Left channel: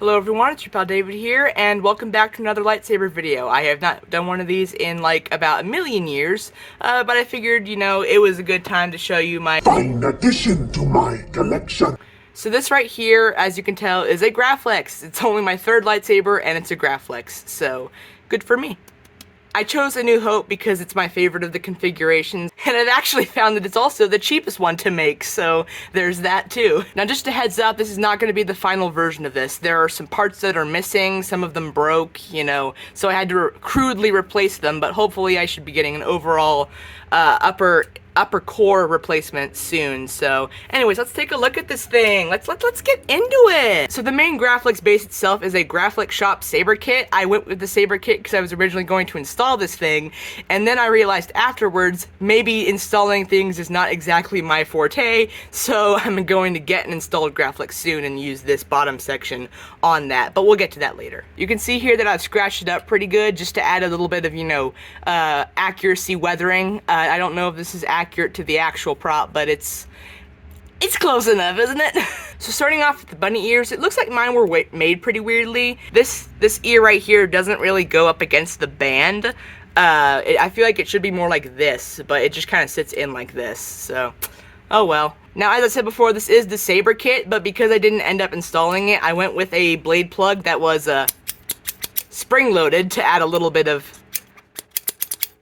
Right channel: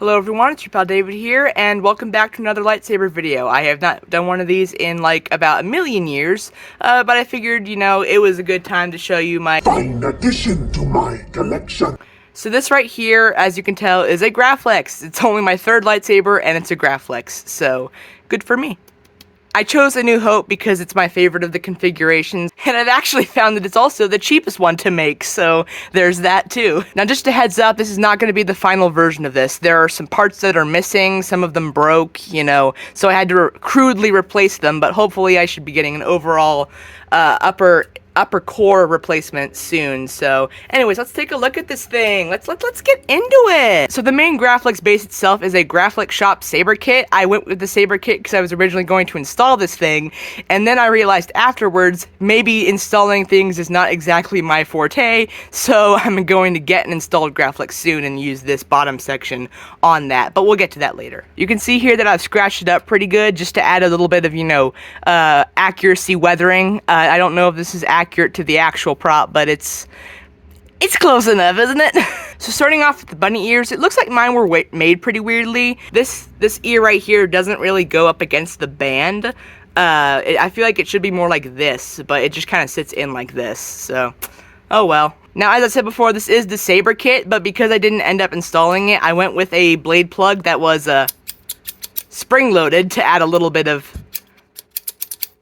Hello everyone, it's your pal David here, and welcome back to another lightsaber video. I have not done one of these in like about a million years, but I figured, it was a good time to show you my fine addition to my collection. So this right here, as you can tell, is a Graflex. It's only my third lightsaber, and it's a Graflex, so good for me. I chose A New Hope because it's my favorite of the configurations, and I've actually found that it's also the cheapest one to make, so there's that too. Now just a heads up, this is not going to be the final version of this. There are some parts that are missing, some of them broke, so I had to crudely replace them, but hopefully I should be getting an overall upper core replacement soon. So anyways, let's take a look at this thing. Let's get into it. So the main Graflex base itself is a Graflex shop saber kit. I went with the saber kit because I was originally going to install this thing, and then I realized afterwards maybe installing things is not exactly my forte, so I'm going to get an installed Graflex soon and use this bottom section on that, but we'll get to that later. You can see here that I've scratched it up pretty good just to add a little bit of, accuracy weathering. I don't know if this is accurate to the actual prop, but it's close enough, isn't it? So starting off with the bunny ears, it looks like mine were made pretty weirdly. This ear right here doesn't really go up against the band. I feel like it should be more like this, but it just kind of sits in like this, so oh well. Now, as I said before, this is the saber kit, but because I didn't end up installing it, I went with a blade plug that was spring-loaded to add a little bit of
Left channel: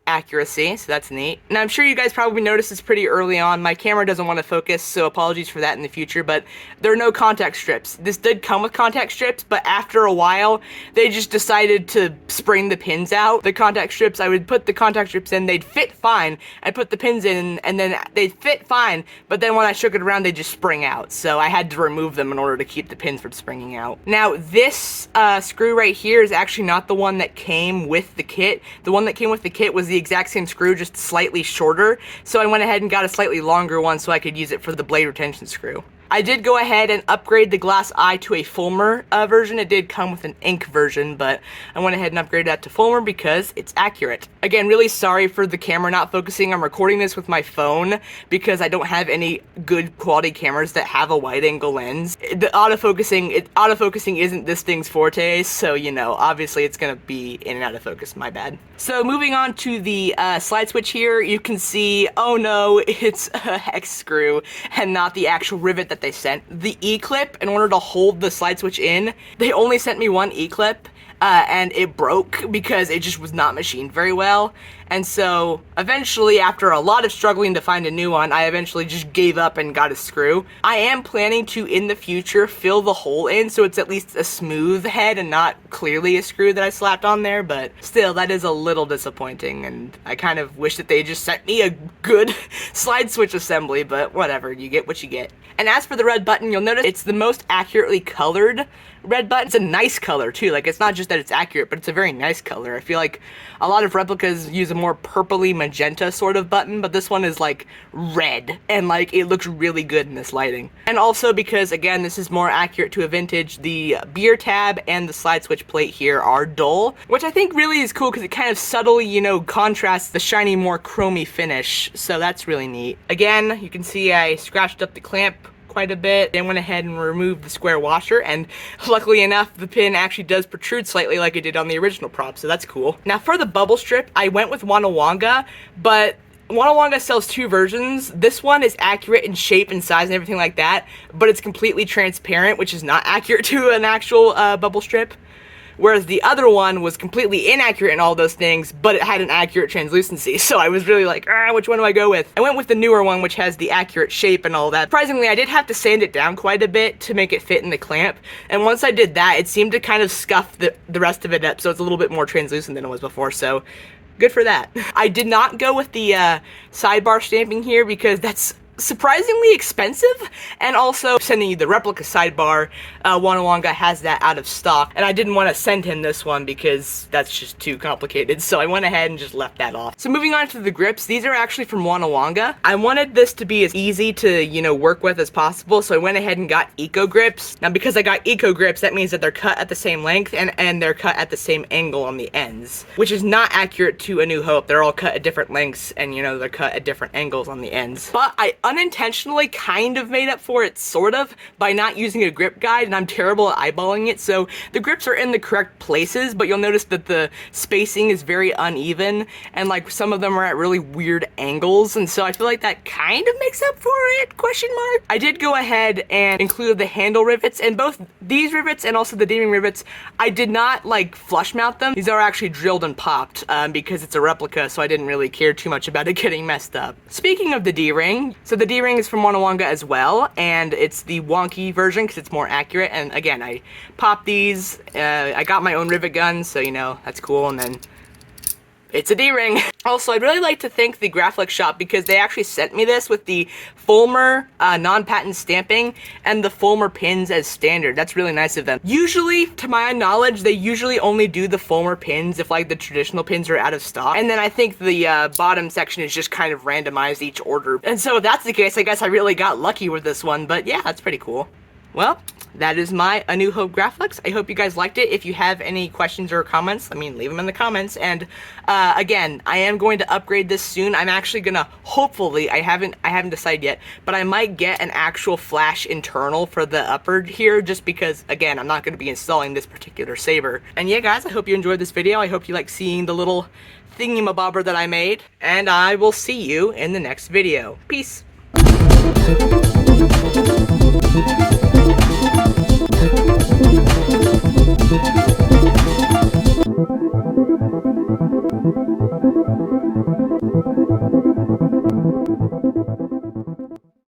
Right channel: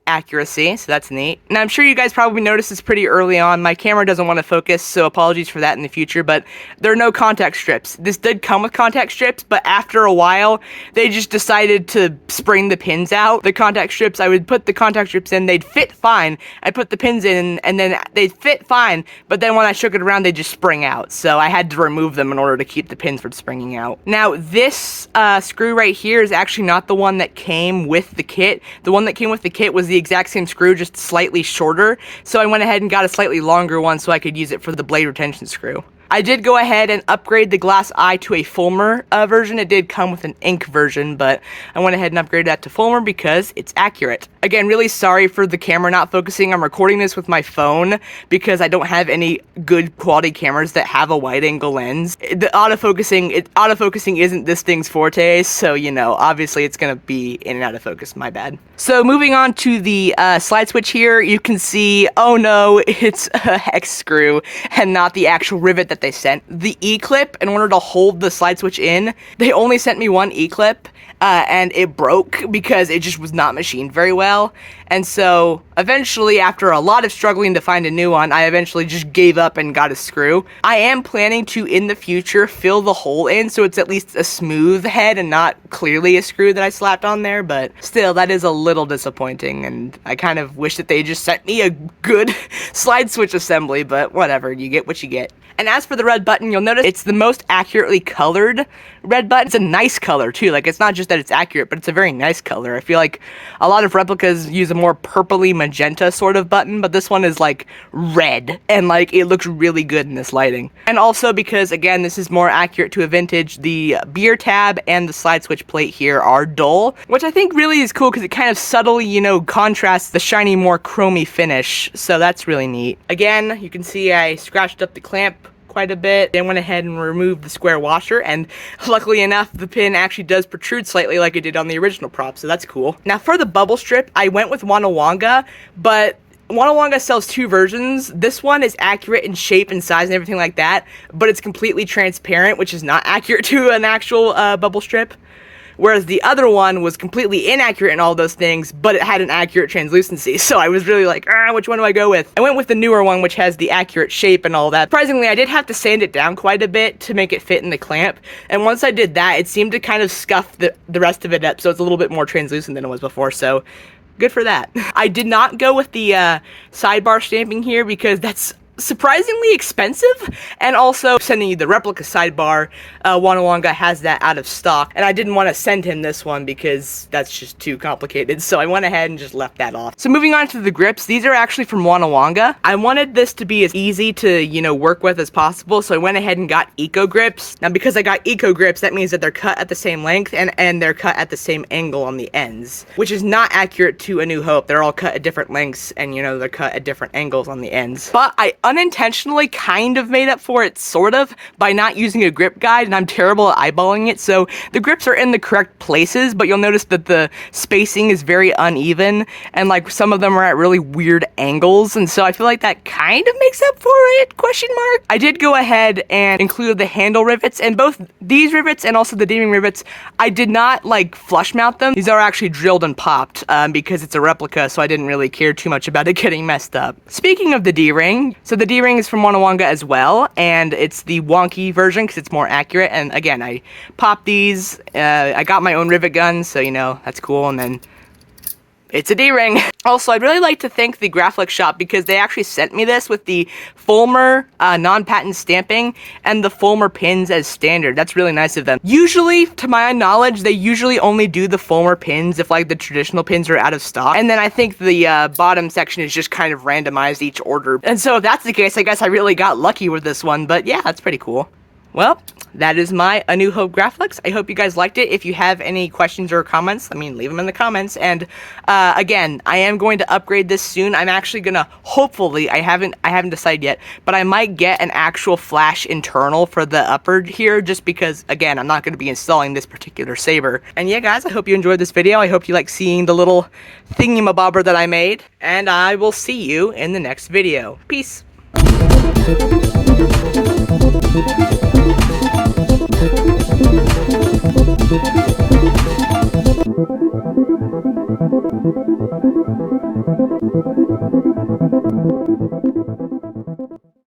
accuracy, so that's neat. Now, I'm sure you guys probably noticed this pretty early on. My camera doesn't want to focus, so apologies for that in the future, but there are no contact strips. This did come with contact strips, but after a while, they just decided to spring the pins out. The contact strips, I would put the contact strips in, they'd fit fine. I'd put the pins in, and then they'd fit fine, but then when I shook it around, they'd just spring out, so I had to remove them in order to keep the pins from springing out. Now, this screw right here is actually not the one that came with the kit. The one that came with the kit was the exact same screw, just slightly shorter, so I went ahead and got a slightly longer one so I could use it for the blade retention screw. I did go ahead and upgrade the glass eye to a Fulmer version. It did come with an ink version, but I went ahead and upgraded that to Fulmer because it's accurate. Again, really sorry for the camera not focusing. I'm recording this with my phone because I don't have any good quality cameras that have a wide angle lens. The autofocusing isn't this thing's forte, so obviously it's gonna be in and out of focus, my bad. So moving on to the slide switch here, you can see, oh no, it's a hex screw and not the actual rivet that they sent. The E-clip, in order to hold the slide switch in, they only sent me one E-clip, and it broke because it just was not machined very well. And so eventually, after a lot of struggling to find a new one, I eventually just gave up and got a screw. I am planning to, in the future, fill the hole in so it's at least a smooth head and not clearly a screw that I slapped on there, but still, that is a little disappointing, and I kind of wish that they just sent me a good slide switch assembly, but whatever, you get what you get. And as for the red button, you'll notice it's the most accurately colored red button. It's a nice color too, like it's not just that it's accurate, but it's a very nice color. I feel like a lot of replicas use a more purpley magenta sort of button, but this one is like red, and like it looks really good in this lighting. And also because, again, this is more accurate to a vintage, the beer tab and the slide switch plate here are dull, which I think really is cool because it kind of subtly, contrasts the shiny, more chromy finish, so that's really neat. Again, you can see I scratched up the clamp quite a bit, then went ahead and removed the square washer, and luckily enough, the pin actually does protrude slightly like it did on the original prop, so that's cool. Now for the bubble strip, I went with WannaWanga, but WannaWanga sells two versions. This one is accurate in shape and size and everything like that, but it's completely transparent, which is not accurate to an actual bubble strip. Whereas the other one was completely inaccurate in all those things, but it had an accurate translucency, so I was really like, which one do I go with? I went with the newer one, which has the accurate shape and all that. Surprisingly, I did have to sand it down quite a bit to make it fit in the clamp, and once I did that, it seemed to kind of scuff the rest of it up, so it's a little bit more translucent than it was before, so good for that. I did not go with the sidebar stamping here because that's surprisingly expensive, and also sending you the replica sidebar, WannaWanga has that out of stock, and I didn't want to send him this one because that's just too complicated, so I went ahead and just left that off. So moving on to the grips, these are actually from WannaWanga. I wanted this to be as easy to, work with as possible, so I went ahead and got Eco Grips. Now because I got Eco Grips, that means that they're cut at the same length, and they're cut at the same angle on the ends, which is not accurate to A New Hope. They're all cut at different lengths, and they're cut at different angles on the ends. But I unintentionally kind of made up for it, sort of, by not using a grip guide, and I'm terrible at eyeballing it. So the grips are in the correct places, but you'll notice that the spacing is very uneven, and like some of them are at really weird angles, and so I feel like that kind of makes up for it, question mark. I did go ahead and include the handle rivets, and both these rivets and also the D-ring rivets, I did not like flush mount them. These are actually drilled and popped because it's a replica, so I didn't really care too much about it getting messed up. Speaking of the D-ring, so the D-ring is from WannaWanga as well, and it's the wonky version because it's more accurate, and again, I popped these, I got my own rivet gun, so you know, that's cool, and then it's a D-ring. Also, I'd really like to thank the Graflex shop because they actually sent me this with the Fulmer non-patent stamping and the Fulmer pins as standard. That's really nice of them. Usually, to my knowledge, they usually only do the Fulmer pins if like the traditional pins are out of stock. And then I think the bottom section is just kind of randomized each order. And so if that's the case, I guess I really got lucky with this one. But yeah, that's pretty cool. Well, that is my A New Hope Graflex. I hope you guys liked it. If you have any questions or comments, leave them in the comments. And again, I am going to upgrade this soon. I'm actually gonna, hopefully, I haven't decided yet, but I might get an actual flash internal for the upper here, just because, again, I'm not gonna be installing this particular saber. And yeah, guys, I hope you enjoyed this video. I hope you like seeing the little thingamabobber that I made, and I will see you in the next video. Peace. Thank you.